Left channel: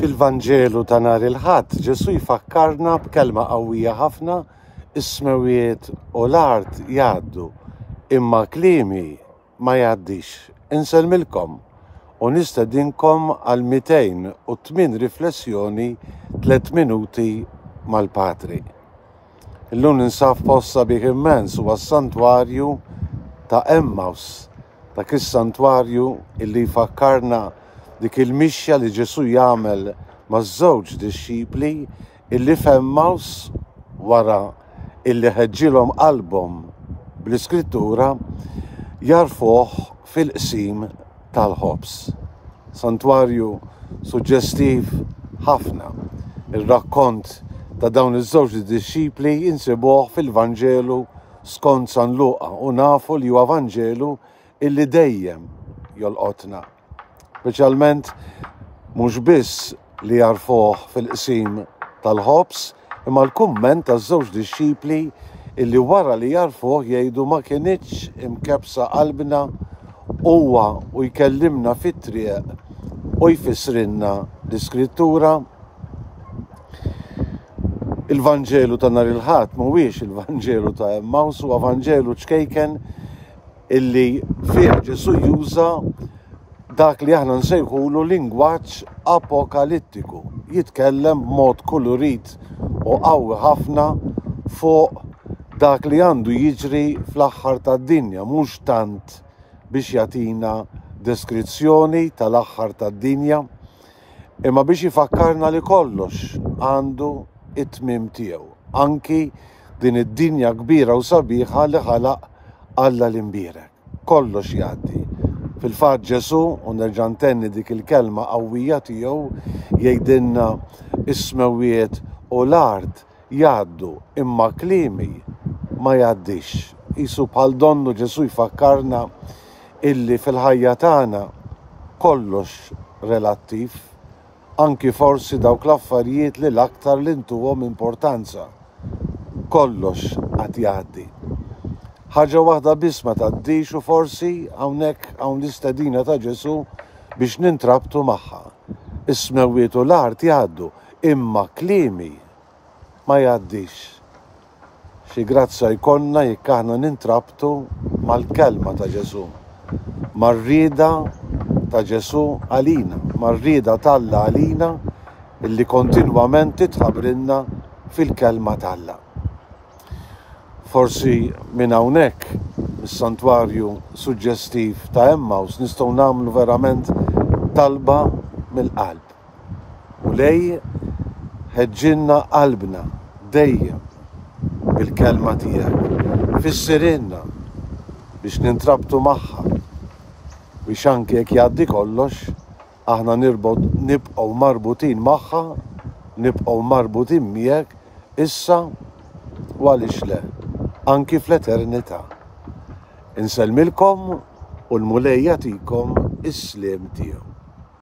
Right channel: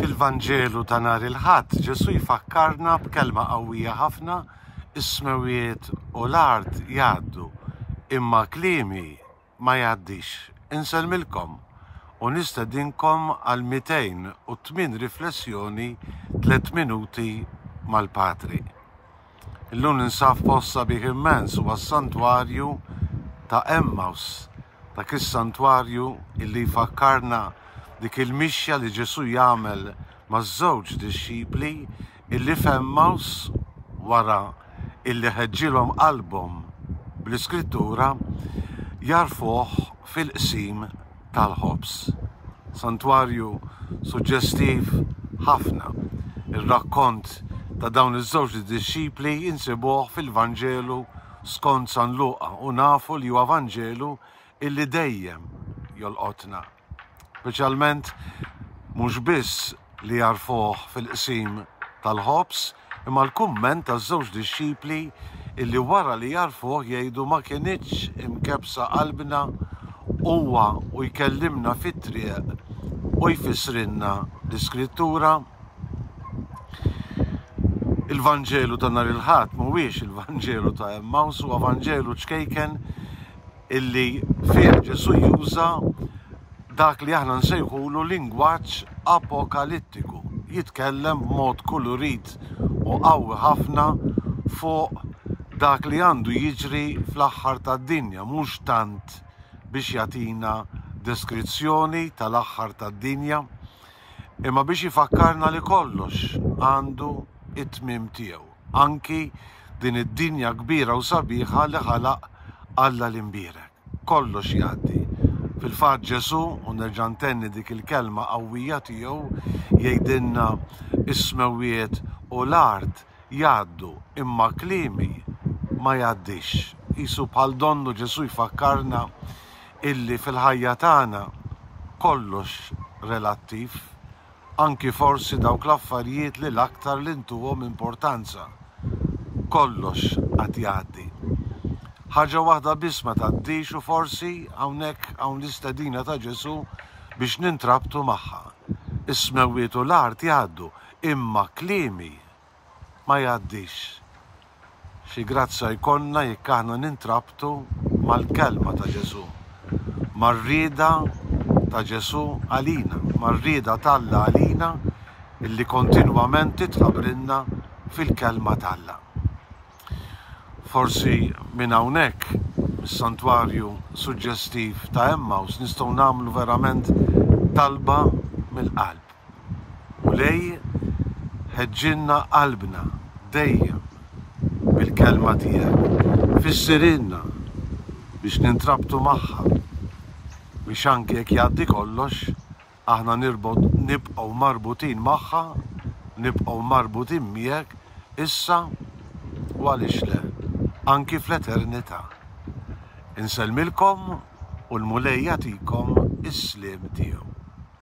Fil-Vanġelu ta' nhar il-Ħadd Ġesu jfakkarna b'kelma qawwija ħafna: is-smewiet u l-art jgħaddu, imma kliemi ma jgħaddix. Insellmilkom u nistedinkom għal 208 riflessjoni 3 minuti mal-Patri. Illum ninsab post sabiħ immens huwa s-santwarju ta' Emmaus, dak is-santwarju illi jfakkarna dik il-mixja li Ġesu jagħmel maż-żewġ dixxipli illi f'Emmaus wara illi ħeġġilhom qalbhom bl-Iskrittura jarfuh fil-qsim tal-ħobs. Santwarju suġġestiv ħafna. Ir-rakkont ta' dawn iż-żewġ dixxipli insibuh fil-Vanġelu skont San Luqa u nafu li huwa Vanġelu illi dejjem jolqotna. Speċjalment mhux biss li jarfuh fil-qsim tal-ħobs, imma l-kumment taż-żewġ dixxipli illi wara li jarfuh jgħidu ma kienitx imkebsa qalbna huwa u jkellimna fit-triq u jfissrilna l-Iskrittura. Il-Vanġelu ta' nhar il-Ħadd mhuwiex il-Vanġelu ta' Emmaus, huwa Vanġelu ċkejken illi fih Ġesu juża dak li aħna nsejħulu lingwaġġ apokalittiku. Jitkellem b'mod kulurit u qawwi ħafna fuq dak li għandu jiġri fl-aħħar tad-dinja, mhux tant biex jagħtina deskrizzjoni tal-aħħar tad-dinja, imma biex jifakkarna li kollox għandu it-tmiem tiegħu. Anki din id-dinja kbira u sabiħa li ħalaq Alla l-imbierek. Kollox jgħaddi. Fil-fatt Ġesu, u nerġa' ntenni dik il-kelma qawwija tiegħu, jgħidilna is-smewiet u l-art jgħaddu, imma kliemi ma jgħaddix. Qisu bħal donnu Ġesu jfakkarna illi fil-ħajja tagħna kollox relattiv, anki forsi dawk l-affarijiet li l-aktar li ntuhom importanza. Kollox qed jgħaddi. Ħaġa waħda biss ma tgħaddix u forsi hawnhekk hawn l-istedina ta' Ġesu biex nintrabtu magħha. Is-smewiet u l-art jgħaddu, imma kliemi ma jgħaddix. Xi grazza jkollna jekk aħna nintrabtu mal-kelma ta' Ġesu, mar-rieda ta' Ġesu għalina, mar-rieda t'Alla għalina illi kontinwament titħabbrilna fil-kelma t'Alla. Forsi minn hawnhekk mis-santwarju suġġestiv ta' Emmaus nistgħu nagħmlu verament talba mill-qalb. U lej ħeġġilna qalbna dejjem bil-kelma tiegħek. Fissirilna biex nintrabtu magħha biex anke jekk jgħaddi kollox aħna nibqgħu marbutin magħha, nibqgħu marbutin miegħek issa u għaliex le, anki fl-eternità. Insellmilkom u l-Mulej jagħtikom is-sliem tiegħu.